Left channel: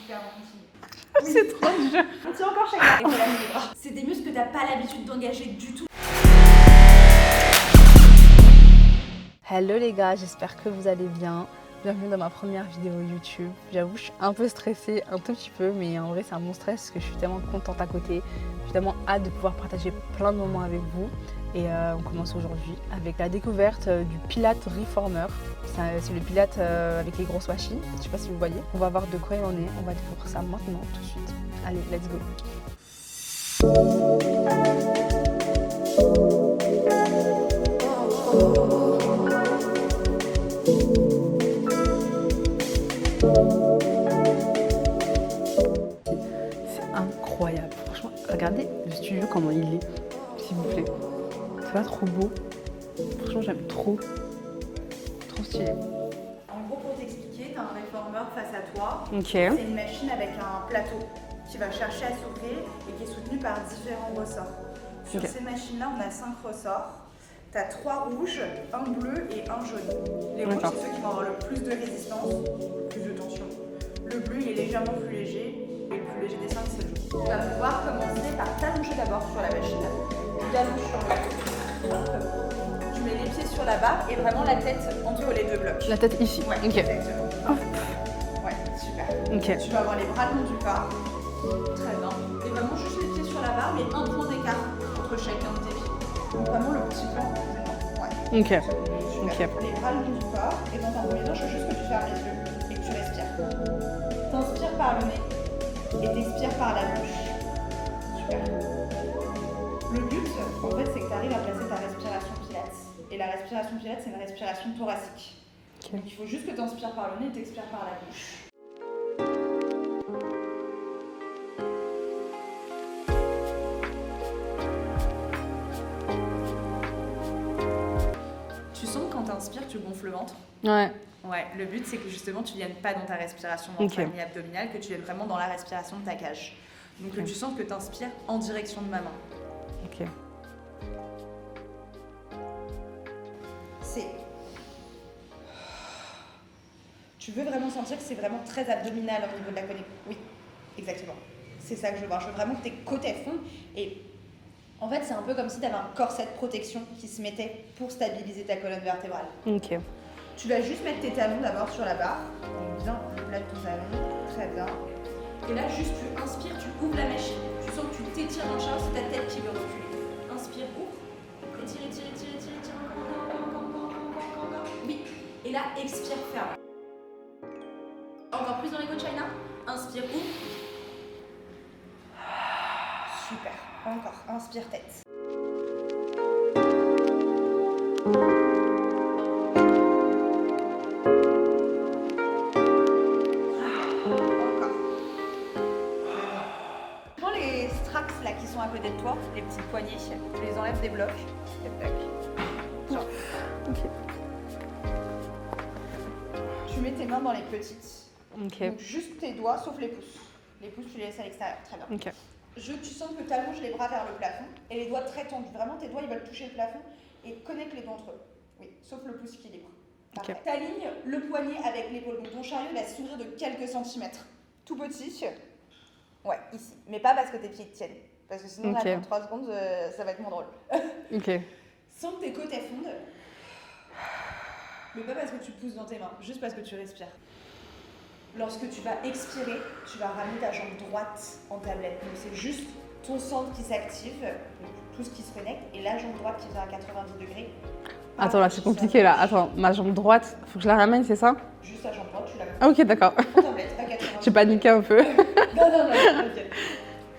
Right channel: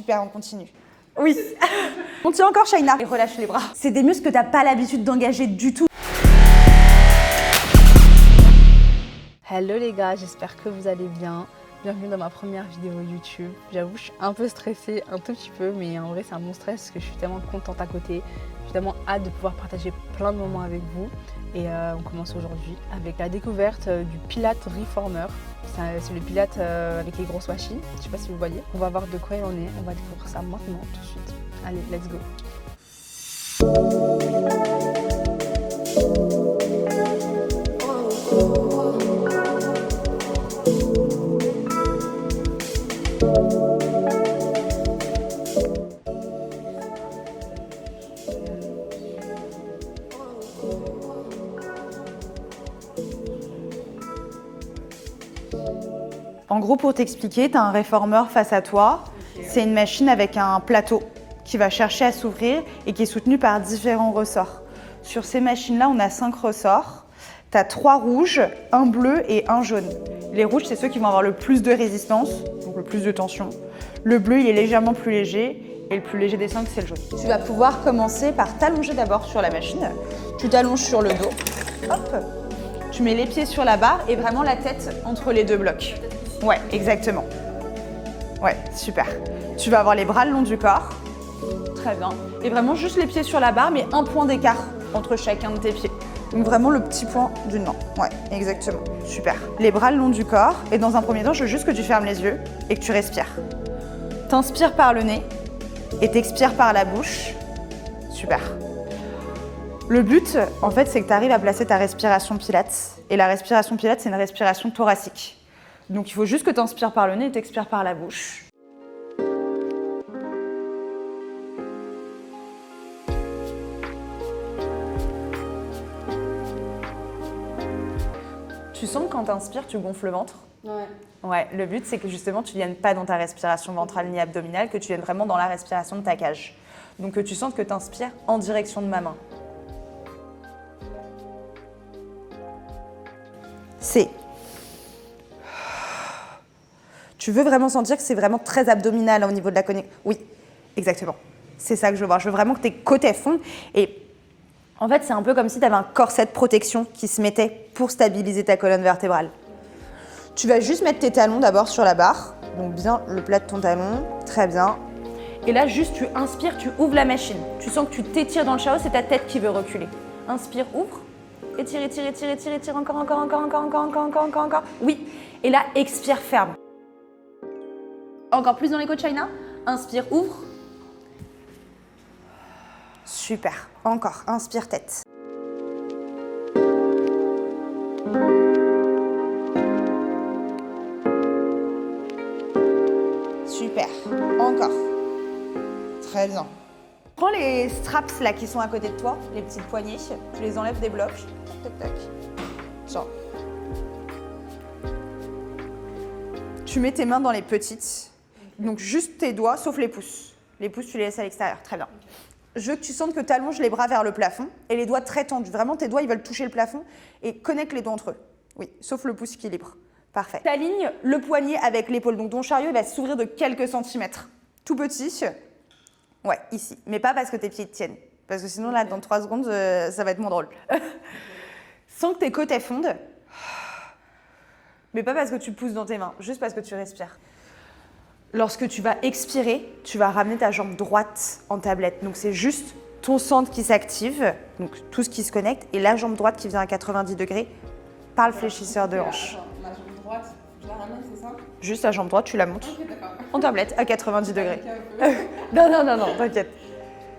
Super, on continue. Oui. Continue encore, Shaina. Et relâche les bras. C'est des muscles que t'as pas l'habitude d'engager du tout. Hello les gars, j'espère que vous allez bien. Bienvenue dans ma première vidéo YouTube. J'avoue, je suis un peu stressée, un tout petit peu, mais en vrai c'est un bon stress parce que je suis tellement contente à côté. J'ai tellement hâte de pouvoir partager plein de moments avec vous. Et on commence aujourd'hui avec la découverte du Pilates Reformer. C'est le Pilates avec les grosses machines, je sais pas si vous voyez. On va voir de quoi il en est, on va découvrir ça maintenant, tout de suite. Allez, let's go. C'est incroyable, franchement. Regardez le studio, comment il est, s'il vous plaît. C'est pas trop beau. Franchement, j'aime trop. Trop stylé. En gros, pour t'expliquer, tu as un réformeur face à toi. C'est une machine avec un plateau qui va chercher à s'ouvrir et qui est soutenu par différents ressorts. Sur ces machines-là, on a 5 ressorts. Tu as 3 rouges, un bleu et un jaune. Les rouges, c'est ceux qui vont avoir le plus de résistance, donc le plus de tension. Le bleu, il est légèrement plus léger et le plus léger des 5, c'est le jaune. Tu vas pouvoir commencer par t'allonger d'abord sur la machine. Tu t'allonges sur le dos. Hop. Tu mets les pieds sur la barre et vraiment la tête entre les deux blocs. La tête ici. Ouais, Okay. exactement. Ouais, super. Okay. Tu vas avoir les bras le long du corps. Très bien. Et vraiment juste les pieds sur la barre, mais un point d'écart entre chacun de tes pieds. Donc vraiment le petit point d'une main. Ouais, exactement. Okay. Super. Okay. Les bras le long du corps. Et dans un premier temps, je veux juste que tu fermes les yeux et que tu respires. T'inspires par le nez et t'expires par la bouche. Super. Le but, en fait, c'est que tu arrives à placer ta respiration Pilates. Et la respiration Pilates, c'est une respiration thoracique. Donc, il faut juste que tu inspires par le nez et tu expires par la bouche. Tu sens que quand tu inspires, tu gonfles le ventre? Ouais. Ouais, le but, c'est que justement, tu ne viennes pas dans ta respiration ventrale ni abdominale, que tu viennes vraiment dans la respiration de ta cage. Donc, que tu sens que tu inspires en direction de ma main. C'est... Tu veux vraiment sentir que c'est vraiment très abdominal au niveau de la connexion. Oui, exactement. C'est ça que je veux voir. Je veux vraiment que tes côtes elles fondent. Et en fait, c'est un peu comme si tu avais un corset de protection qui se mettait pour stabiliser ta colonne vertébrale. Ok. Tu vas juste mettre tes talons d'abord sur la barre. Donc bien le plat de ton talon. Très bien. Et là, juste tu inspires, tu ouvres la machine. Tu sens que tu t'étires dans le chaos, c'est ta tête qui veut reculer. Inspire, ouvre. Étire, étire, étire, étire, étire, encore. Oui. Et là, expire, ferme. Encore plus dans les côtes, Shaina. Inspire, ouvre. Super. Encore. Inspire, tête. Super. Encore. Très bien. Prends les straps là qui sont à côté de toi, les petites poignées, tu les enlèves des blocs. Tac, tac. Genre. Okay. Tu mets tes mains dans les petites. Okay. Donc juste tes doigts, sauf les pouces. Les pouces, tu les laisses à l'extérieur. Très bien. Okay. Je veux que tu sentes que tu allonges les bras vers le plafond et les doigts très tendus. Vraiment, tes doigts, ils veulent toucher le plafond et connecte les doigts entre eux. Oui, sauf le pouce qui est libre. Parfait. Okay. T'alignes le poignet avec l'épaule. Donc ton chariot va s'ouvrir de quelques centimètres. Tout petit. Ouais, ici. Mais pas parce que tes pieds te tiennent. Parce que sinon, là, dans 3 secondes, ça va être moins drôle. Sens que tes côtes, elles fondent. Mais pas parce que tu pousses dans tes mains, juste parce que tu respires. Lorsque tu vas expirer, tu vas ramener ta jambe droite en tablette. Donc, c'est juste ton centre qui s'active, donc tout ce qui se connecte, et la jambe droite qui vient à 90 degrés. Attends, là, c'est compliqué là. Attends, ma jambe droite, faut que je la ramène, c'est ça? Juste la jambe droite, tu la montes. Ok, d'accord. En tablette, à 90 degrés. Tu paniques un peu. Non, t'inquiète.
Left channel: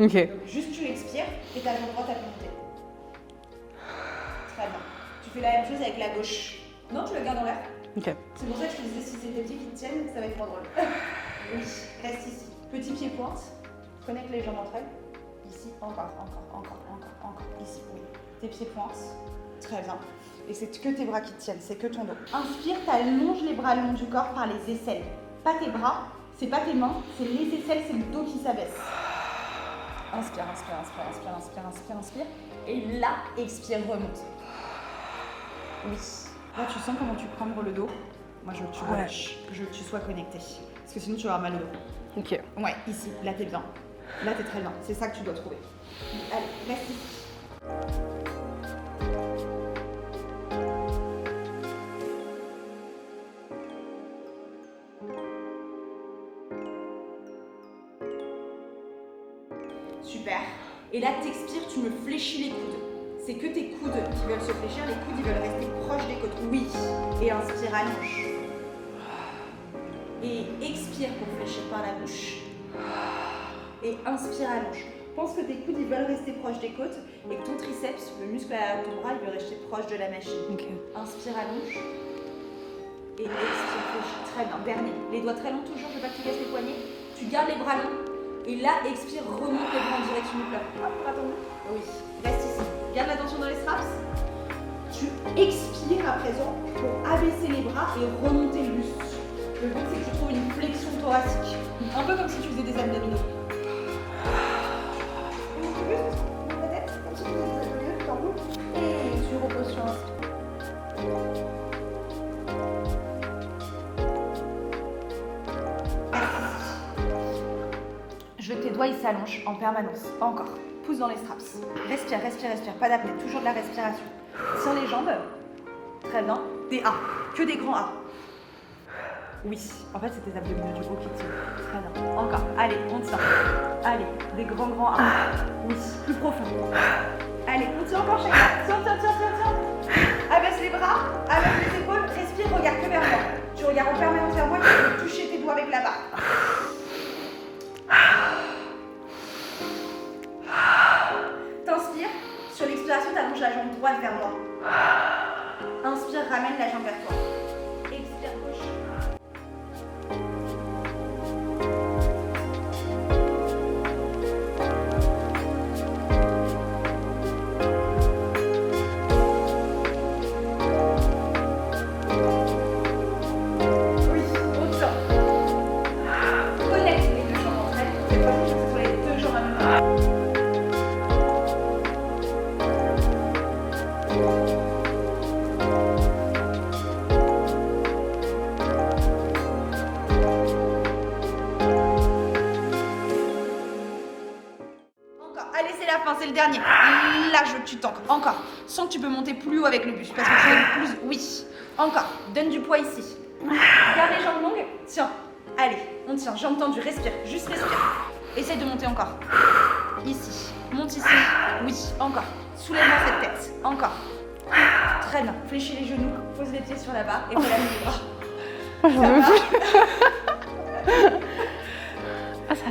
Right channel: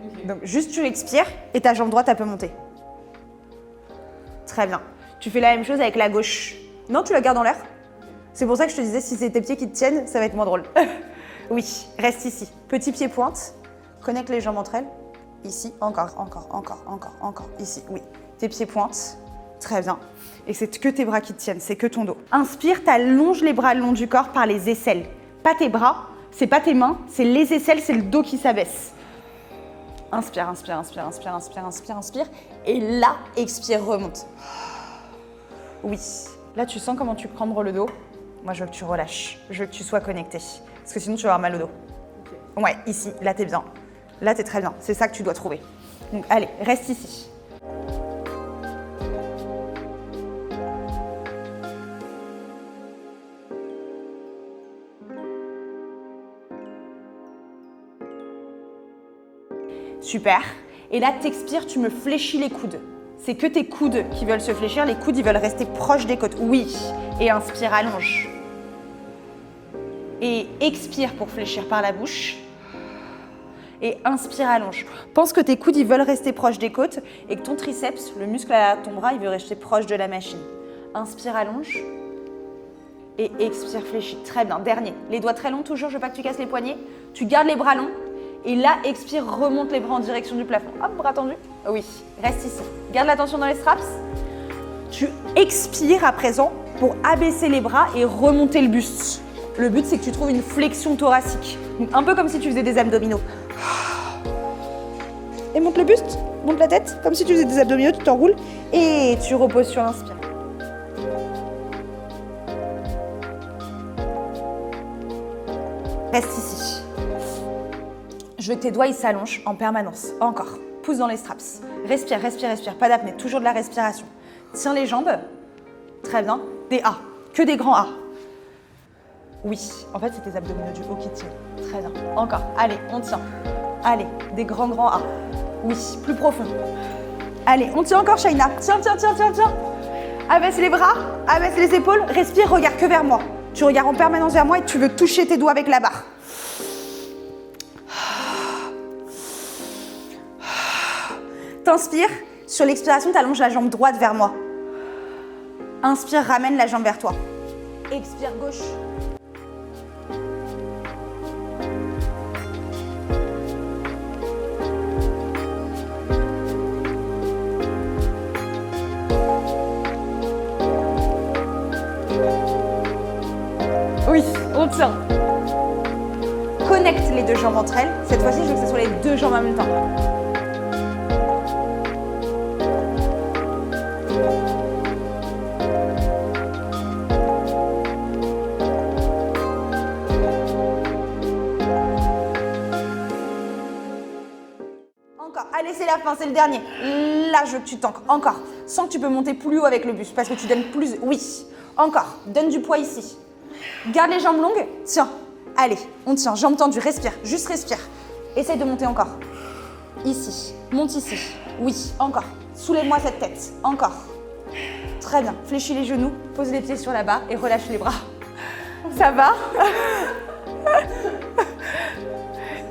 Ok. Donc, juste tu expires et ta jambe droite, elle peut monter. Très bien. Tu fais la même chose avec la gauche. Non, tu la gardes en l'air. Ok. C'est pour ça que je te disais, si c'est tes pieds qui te tiennent, ça va être moins drôle. Oui, reste ici. Petit pied pointe, connecte les jambes entre elles. Ici, encore. Ici, oui. Tes pieds pointent. Très bien. Et c'est que tes bras qui te tiennent, c'est que ton dos. Inspire, t'allonges les bras le long du corps par les aisselles. Pas tes bras, c'est pas tes mains, c'est les aisselles, c'est le dos qui s'abaisse. Inspire. Et là, expire, remonte. Oui. Là, tu sens comment tu prends le dos. Moi, je veux que tu relâches. Je veux que tu sois connecté. Parce que sinon, tu vas avoir mal au dos. Ok. Ouais, ici, là t'es bien. Là t'es très bien, c'est ça que tu dois trouver. Donc allez, reste ici. Super. Et là, t'expires, tu me fléchis les coudes. C'est que tes coudes qui veulent se fléchir, les coudes, ils veulent rester proches des côtes. Oui. Et inspire, allonge. Et expire pour fléchir par la bouche. Et inspire, allonge. Pense que tes coudes, ils veulent rester proches des côtes et que ton triceps, le muscle à ton bras, il veut rester proche de la machine. Okay. Inspire, allonge. Et expire, fléchis. Très bien. Dernier. Les doigts très longs toujours, je veux pas que tu casses les poignets. Tu gardes les bras longs. Et là, expire, remonte les bras en direction du plafond. Hop, bras tendus. Oui, reste ici. Garde la tension dans les straps. Tu expires à présent pour abaisser les bras et remonter le buste. Le but, c'est que tu trouves une flexion thoracique. Donc, un peu comme si tu faisais des abdominaux. Et monte le buste, monte la tête, comme si tu faisais des abdominaux, tu t'enroules. Et tu reposes sur l'inspire. Reste ici. Je veux que tes doigts ils s'allongent en permanence. Encore. Pousse dans les straps. Respire, respire, respire. Pas d'apnée, toujours de la respiration. Tiens les jambes. Très bien. Des A. Que des grands A. Oui. En fait, c'est tes abdominaux du haut qui tirent. Très bien. Encore. Allez, on tient. Allez, des grands A. Oui, plus profond. Allez, on tient encore, Shaina. Tiens, tiens, tiens, tiens, tiens. Abaisse les bras, abaisse les épaules. Respire, regarde que vers moi. Tu regardes en permanence vers moi et tu veux toucher tes doigts avec la barre. T'inspires, sur l'expiration, t'allonges la jambe droite vers moi. Inspire, ramène la jambe vers toi. Expire, gauche. Oui, on tient. Connecte les deux jambes entre elles. Cette fois-ci, je veux que ce soit les deux jambes en même temps. C'est le dernier. Là, je veux que tu tankes. Encore. Sens que tu peux monter plus haut avec le buste parce que tu donnes plus. Oui. Encore. Donne du poids ici. Garde les jambes longues. Tiens. Allez, on tient. Jambes tendues. Respire. Juste respire. Essaye de monter encore. Ici. Monte ici. Oui. Encore. Soulève-moi cette tête. Encore. Très bien. Fléchis les genoux. Pose les pieds sur la barre et relâche les bras. Ça va?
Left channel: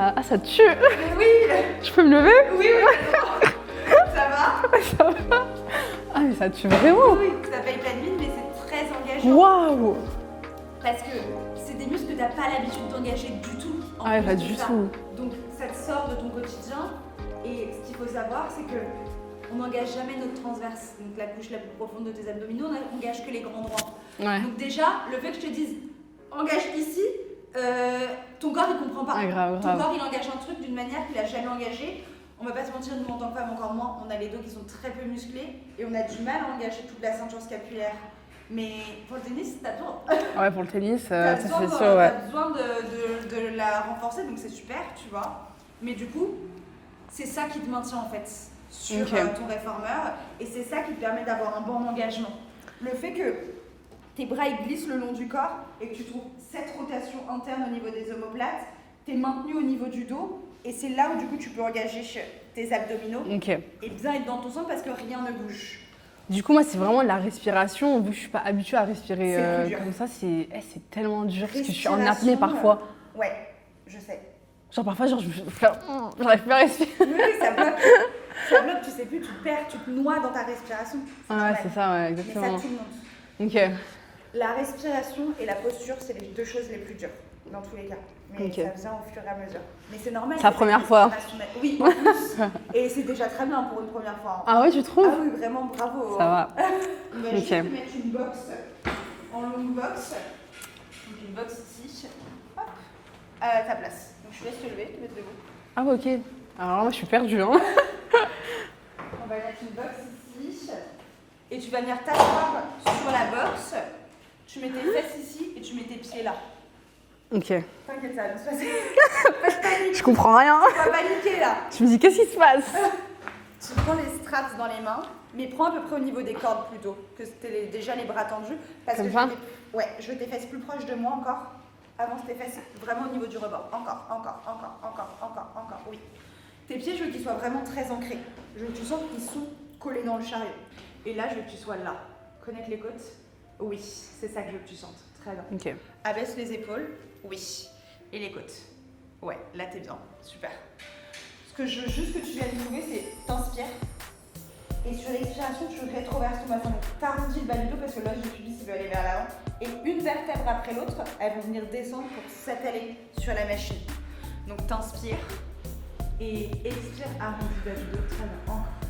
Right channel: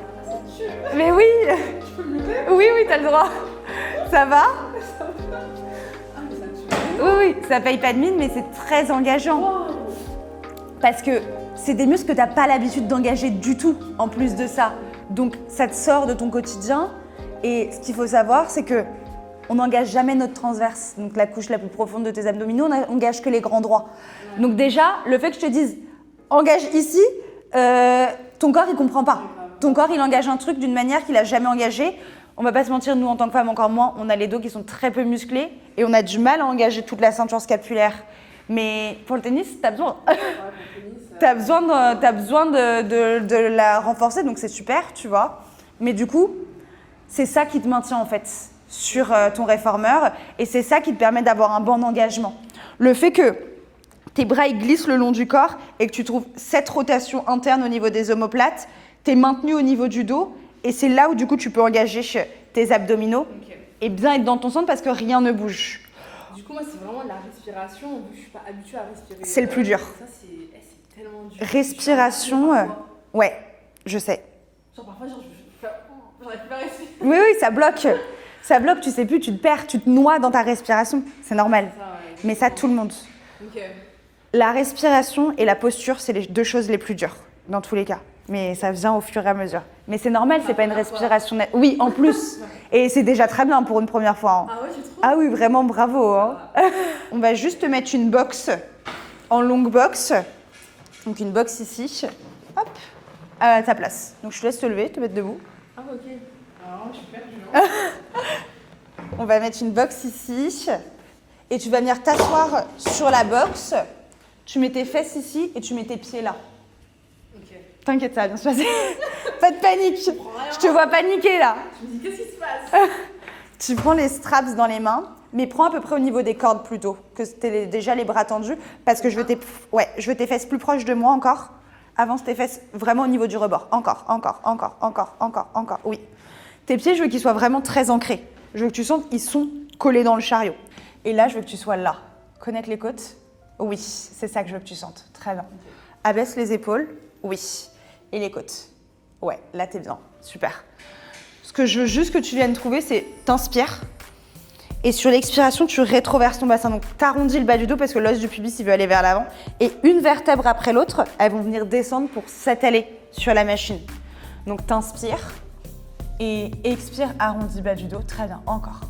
Ah, ça tue. Mais oui. Je peux me lever? Oui, oui, t'as le droit. Ça va? Ça va. Ah, mais ça tue vraiment. Oui, oui. Ça paye pas de mine, mais c'est très engageant. Waouh. Parce que c'est des muscles que t'as pas l'habitude d'engager du tout, en plus de ça. Donc, ça te sort de ton quotidien. Et ce qu'il faut savoir, c'est que on n'engage jamais notre transverse. Donc, la couche la plus profonde de tes abdominaux, on n'engage que les grands droits. Ouais. Donc, déjà, le fait que je te dise, engage ici, ton corps, il comprend pas. Ouais, grave. Ton corps, il engage un truc d'une manière qu'il a jamais engagé. On va pas se mentir, nous, en tant que femmes, encore moins, on a les dos qui sont très peu musclés et on a du mal à engager toute la ceinture scapulaire. Mais pour le tennis, t'as besoin. Ouais, pour le tennis. T'as besoin, t'as besoin de la renforcer, donc c'est super, tu vois. Mais du coup, c'est ça qui te maintient en fait sur ton réformeur et c'est ça qui te permet d'avoir un bon engagement. Le fait que tes bras ils glissent le long du corps et que tu trouves cette rotation interne au niveau des omoplates, t'es maintenu au niveau du dos et c'est là où du coup tu peux engager tes abdominaux et bien être dans ton centre parce que rien ne bouge. Du coup, moi, c'est vraiment la respiration, vu que je suis pas habituée à respirer. C'est le plus dur. Comme ça, c'est tellement dur. Respiration, parfois. Ouais, je sais. Genre parfois, j'arrive plus à respirer. Oui, ça bloque. Ça bloque, tu sais plus, tu te perds, tu te noies dans ta respiration. C'est normal. C'est ça, ouais, mais ça, tout le monde. Ok. La respiration et la posture, c'est les deux choses les plus dures, dans tous les cas. Mais ça vient au fur et à mesure. Mais c'est normal, c'est pas une respiration nette. Oui, en plus. Et c'est déjà très bien pour une première fois. Hein. Ah oui, tu trouves? Ah oui, vraiment, bravo. Ça hein. va. On va juste te mettre une box en longue box. Donc une box ici. Hop, à ta place. Donc je te laisse te lever, te mettre debout. Ah ok. Alors moi, je suis perdue. Hein. On va mettre une box ici. Et tu vas venir t'asseoir sur la box. Tu mets tes fesses ici et tu mets tes pieds là. Ok. T'inquiète, ça va bien se passer. Pas de panique. Je comprends rien. Je te vois paniquer là. Je me dis, qu'est-ce qui se passe? Tu prends les straps dans les mains, mais prends à peu près au niveau des cordes plutôt, que tu aies déjà les bras tendus, parce que je veux tes fesses plus proches de moi encore. Avance tes fesses vraiment au niveau du rebord. Encore. Oui. Tes pieds, je veux qu'ils soient vraiment très ancrés. Je veux que tu sentes qu'ils sont collés dans le chariot. Et là, je veux que tu sois là. Connecte les côtes. Oui, c'est ça que je veux que tu sentes. Très bien. Ok. Abaisse les épaules. Oui. Et les côtes. Ouais, là, t'es bien. Super. Ce que je veux juste que tu viennes trouver, c'est t'inspires. Et sur l'expiration, tu rétroverses ton bassin. Donc, t'arrondis le bas du dos parce que l'os du pubis, il veut aller vers l'avant. Et une vertèbre après l'autre, elles vont venir descendre pour s'atteler sur la machine. Donc, t'inspires et expire, arrondis le bas du dos. Très bien. Encore.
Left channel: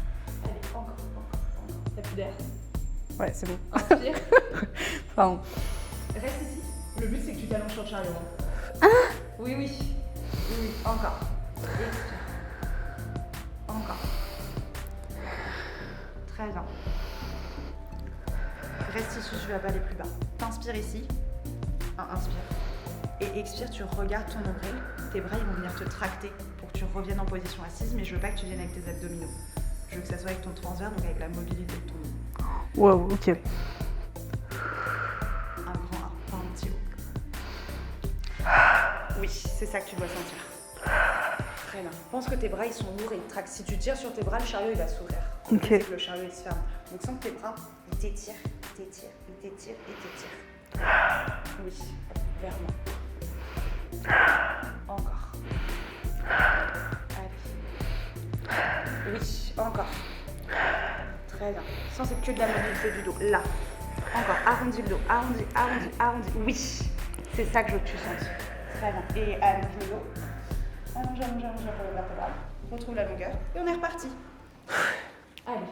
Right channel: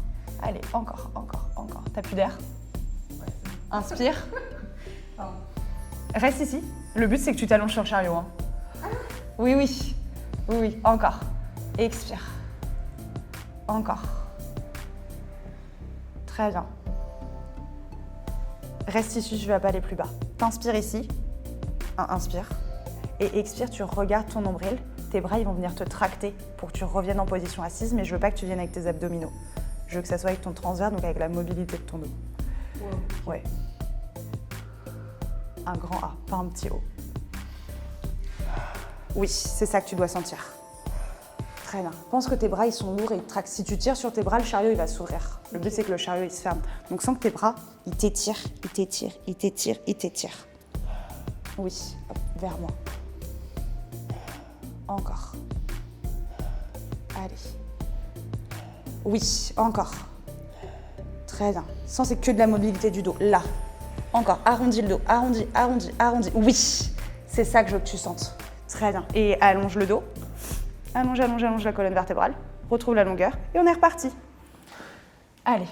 Allez, encore. T'as plus d'air? Ouais, c'est bon. Inspire. Pardon. Reste ici. Le but, c'est que tu t'allonges sur le chariot. Hein. Ah. Oui. Encore. Et expire. Encore. Très bien. Reste ici, je ne vais pas aller plus bas. T'inspires ici. Inspire. Et expire, tu regardes ton nombril. Tes bras, ils vont venir te tracter pour que tu reviennes en position assise, mais je veux pas que tu viennes avec tes abdominaux. Je veux que ça soit avec ton transverse, donc avec la mobilité de ton dos. Wow, ok. Ouais. Un grand A, pas un petit O. Oui, c'est ça que tu dois sentir. Très bien. Pense que tes bras, ils sont lourds et ils te tractent. Si tu tires sur tes bras, le chariot, il va s'ouvrir. Le but, c'est que le chariot, il se ferme. Donc, sens que tes bras, ils t'étirent. Oui, vers moi. Encore. Allez. Oui, encore. Très bien. Sens, c'est que de la mobilité du dos. Là. Encore. Arrondis le dos. Arrondis. Oui. C'est ça que je veux que tu sentes. Très bien. Et allonge le dos. Allonge la colonne vertébrale. Retrouve la longueur. Et on est reparti. Allez.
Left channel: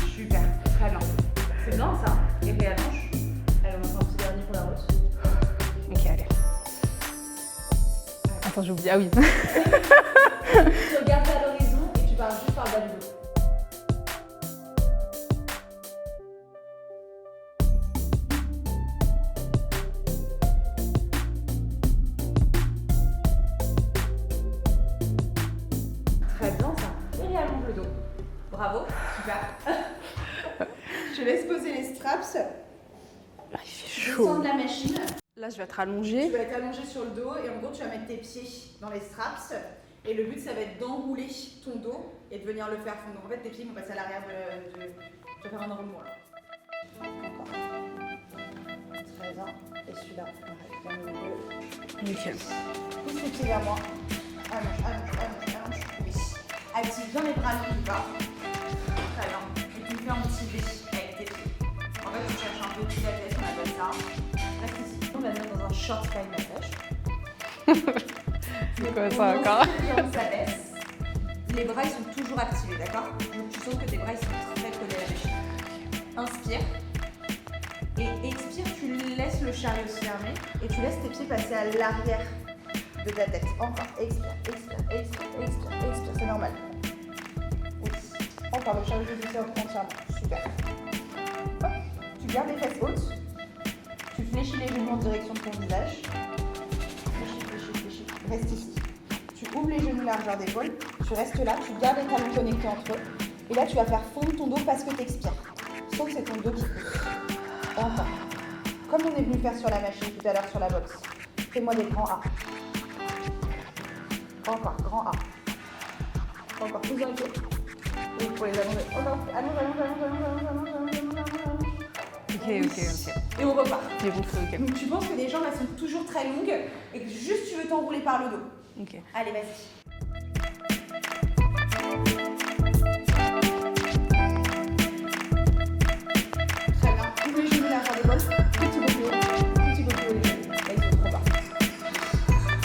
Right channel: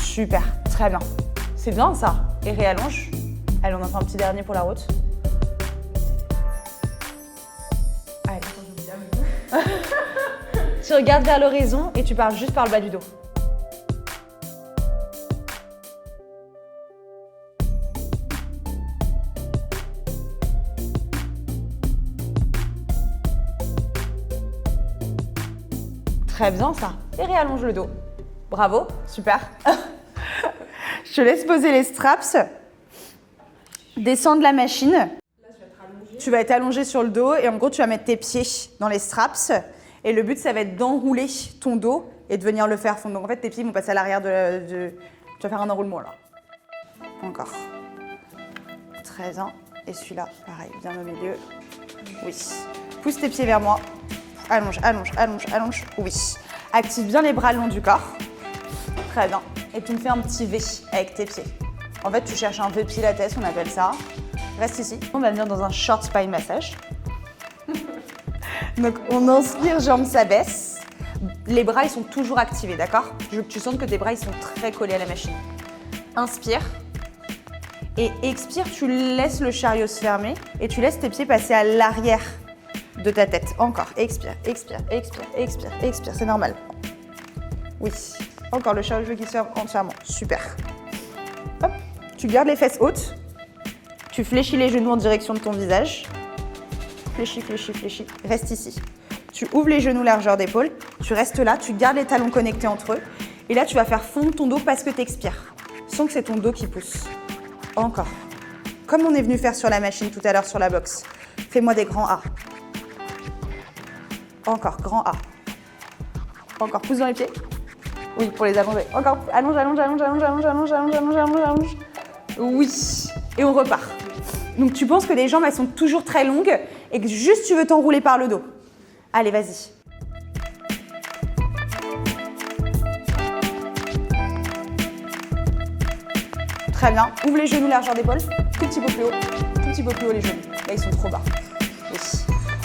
Super, très bien. C'est bien ça. Et réallonge. Allez, on en fait un petit dernier pour la route. Ok, allez. Attends, j'ai oublié. Ah oui. Tu regardes vers l'horizon et tu pars juste par le bas du dos. Très bien ça. Et réallonge le dos. Bravo, super. Je te laisse poser les straps. Descendre la machine. Là, je vais être allongée. Tu vas être allongé sur le dos et en gros, tu vas mettre tes pieds dans les straps. Et le but, ça va être d'enrouler ton dos et de venir le faire fondre. Donc en fait, tes pieds vont passer à l'arrière Tu vas faire un enroulement là. Encore. Très bien. Et celui-là, pareil, vers le milieu. Oui. Pousse tes pieds vers moi. Allonge. Oui. Active bien les bras le long du corps. Très bien. Et tu me fais un petit V avec tes pieds. En fait, tu cherches un V pilates, on appelle ça. Reste ici. On va venir dans un short spine massage. Donc, on inspire, jambes s'abaissent. Les bras, ils sont toujours activés, d'accord? Je veux que tu sentes que tes bras, ils sont très collés à la machine. Inspire. Et expire, tu laisses le chariot se fermer et tu laisses tes pieds passer à l'arrière de ta tête. Encore. Expire. C'est normal. Oui. Encore le chariot qui se ferme entièrement. Super. Hop. Tu gardes les fesses hautes. Tu fléchis les genoux en direction de ton visage. Fléchis. Reste ici. Tu ouvres les genoux largeur d'épaule. Tu restes là. Tu gardes les talons connectés entre eux. Et là, tu vas faire fondre ton dos parce que tu expires. Sens que c'est ton dos qui pousse. Encore. Comme on est venu faire sur la machine tout à l'heure sur la boxe. Fais-moi des grands A. Encore, grand A. Encore, pousse dans les pieds. Oui, pour les allonger. Encore, allonge. Oui. Et on repart. Donc tu penses que les jambes, elles sont toujours très longues et que juste tu veux t'enrouler par le dos. Okay. Allez, vas-y. Très bien. Ouvre les genoux largeur d'épaule. Petit peu plus haut les genoux. Là, ils sont trop bas. Oui.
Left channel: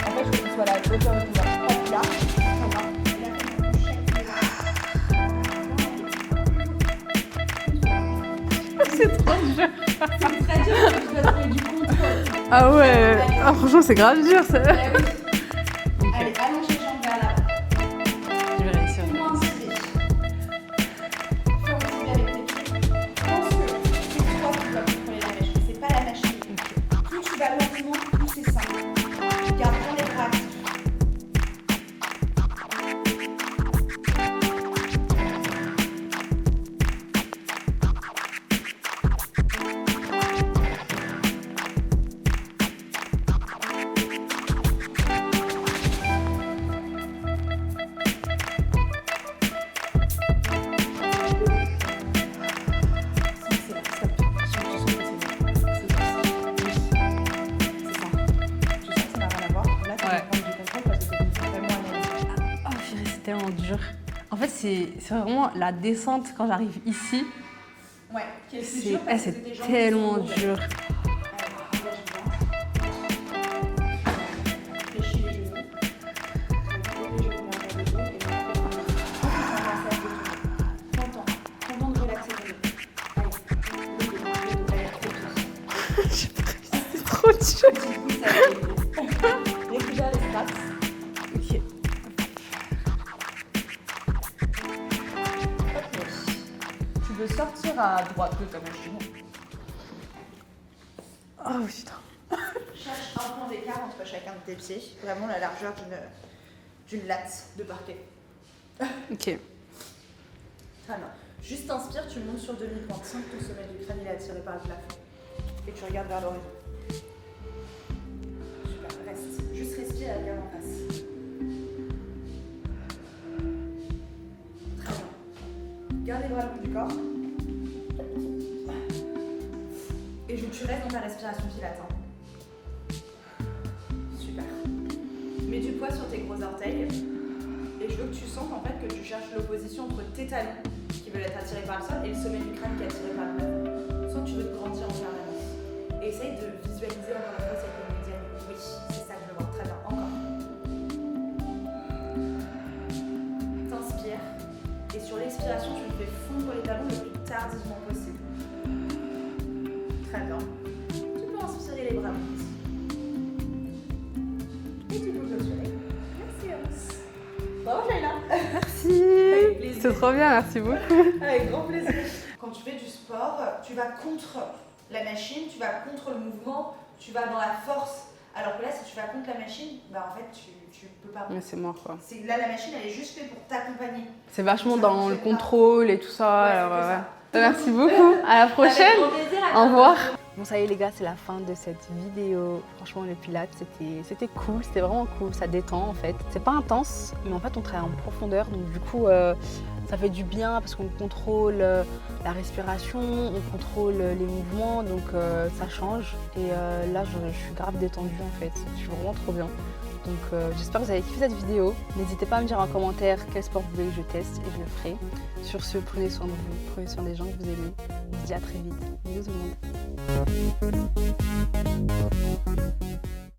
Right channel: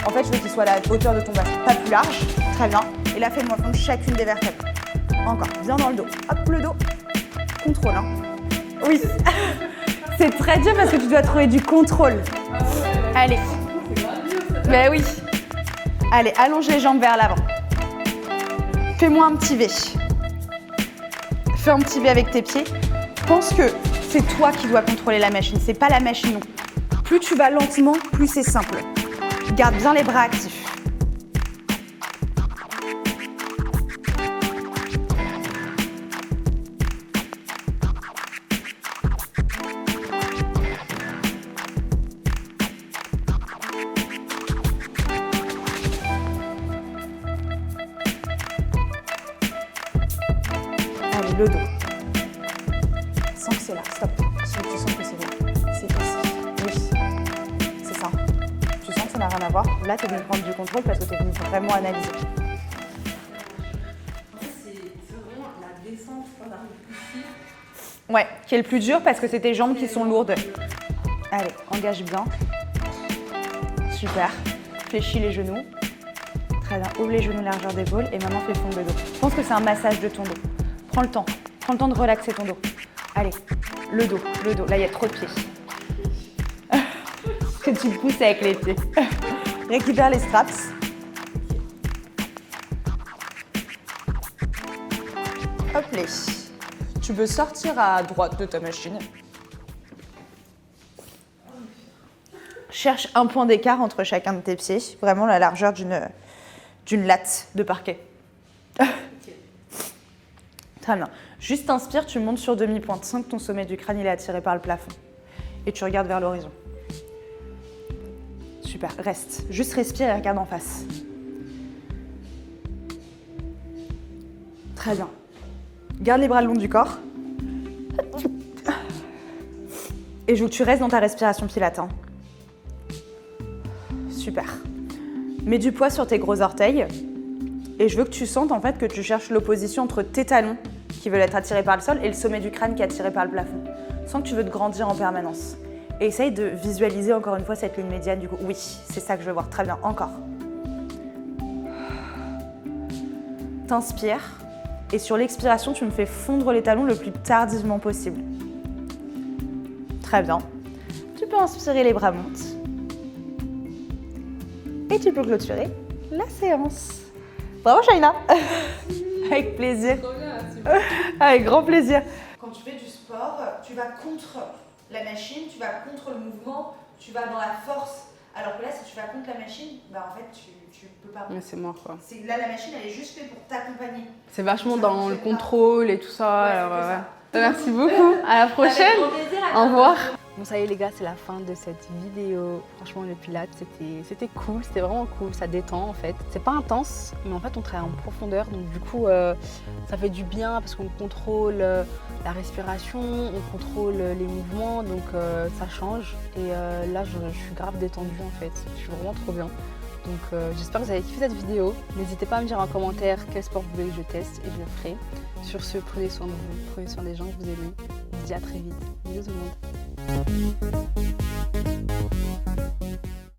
En fait, je veux qu'ils soient à la hauteur de ton bassin, pas plus large. Très bien. Et là, fais-moi fondre chacune des vertèbres. Encore. Bien dans le dos. Hop, le dos. Contrôle. Hein. Oui. oui. C'est très dur parce que tu dois trouver du contrôle. Ah ouais. Allez. Ah, franchement, c'est grave dur ça. Ben oui. Allez, allonge les jambes vers l'avant. Fais-moi un petit V. Fais un petit V avec tes pieds. Pense que c'est toi qui dois contrôler la machine, c'est pas la machine non plus. Plus tu vas lentement, plus c'est simple. Garde bien les bras actifs. Le dos. Sens que c'est là, stop. Si tu sens que c'est bon, c'est parti. Oui, c'est ça. Tu sens que ça n'a rien à voir. Là, tu as dû prendre du contrôle parce que tu es vraiment analysé. Oh, c'est tellement dur. En fait, c'est vraiment la descente quand j'arrive ici. Ouais, qui est le plus dur parce que c'est tes jambes qui sont lourdes. Dur. Allez, engage bien. Super. Fléchis les genoux. Très bien. Ouvre les genoux largeur d'épaule et maintenant fais fondre le dos. Je pense que c'est un massage de ton dos. Prends le temps. Prends le temps de relaxer ton dos. Allez, le dos, le dos. Là, il y a trop de pieds. Trop dur. Que tu pousses avec les pieds. Récupère les straps. Ok. Hop les. Tu veux sortir à droite de ta machine. Oh putain. Cherche un point d'écart entre chacun de tes pieds. Vraiment la largeur d'une latte de parquet. Ok. Très bien. Juste inspire, tu montes sur demi-pointe. Sens que ton sommet du crâne il est attiré par le plafond. Et tu regardes vers l'horizon. Super, reste. Juste respire et regarde en face. Très bien. Garde les bras le long du corps. Et je veux que tu restes dans ta respiration pilate. Hein. Super. Mets du poids sur tes gros orteils. Et je veux que tu sentes en fait que tu cherches l'opposition entre tes talons qui veulent être attirés par le sol et le sommet du crâne qui est attiré par le plafond. Sens que tu veux te grandir en permanence. Et essaye de visualiser encore une fois cette ligne médiane du coup. Oui, c'est ça que je veux voir. Très bien, encore. T'inspires. Et sur l'expiration, tu me fais fondre les talons le plus tardivement possible. Très bien. Tu peux inspirer, les bras montent. Et tu peux clôturer la séance. Bravo Shaina. Merci. Avec plaisir. C'est trop bien, merci beaucoup. Avec grand plaisir. Quand tu fais du sport, tu vas contre la machine, tu vas contre le mouvement, tu vas dans la force. Alors que là, si tu vas contre la machine, bah en fait, tu peux pas. Mais c'est mort quoi. Là, la machine, elle est juste faite pour t'accompagner. C'est vachement Ça, dans le contrôle et tout ça. Ouais, alors, c'est ouais. ça. Merci beaucoup. À la prochaine. Avec grand plaisir, à Au bientôt. revoir. Bon ça y est les gars, c'est la fin de cette vidéo. Franchement le pilates c'était cool, c'était vraiment cool, ça détend en fait. C'est pas intense, mais en fait on travaille en profondeur, donc du coup ça fait du bien parce qu'on contrôle la respiration, on contrôle les mouvements, donc ça change. Et là je suis grave détendue en fait, je suis vraiment trop bien. Donc j'espère que vous avez kiffé cette vidéo. N'hésitez pas à me dire en commentaire quel sport vous voulez que je teste et je le ferai. Sur ce, prenez soin de vous, prenez soin des gens que vous aimez. On se dit à très vite. Bisous tout le monde.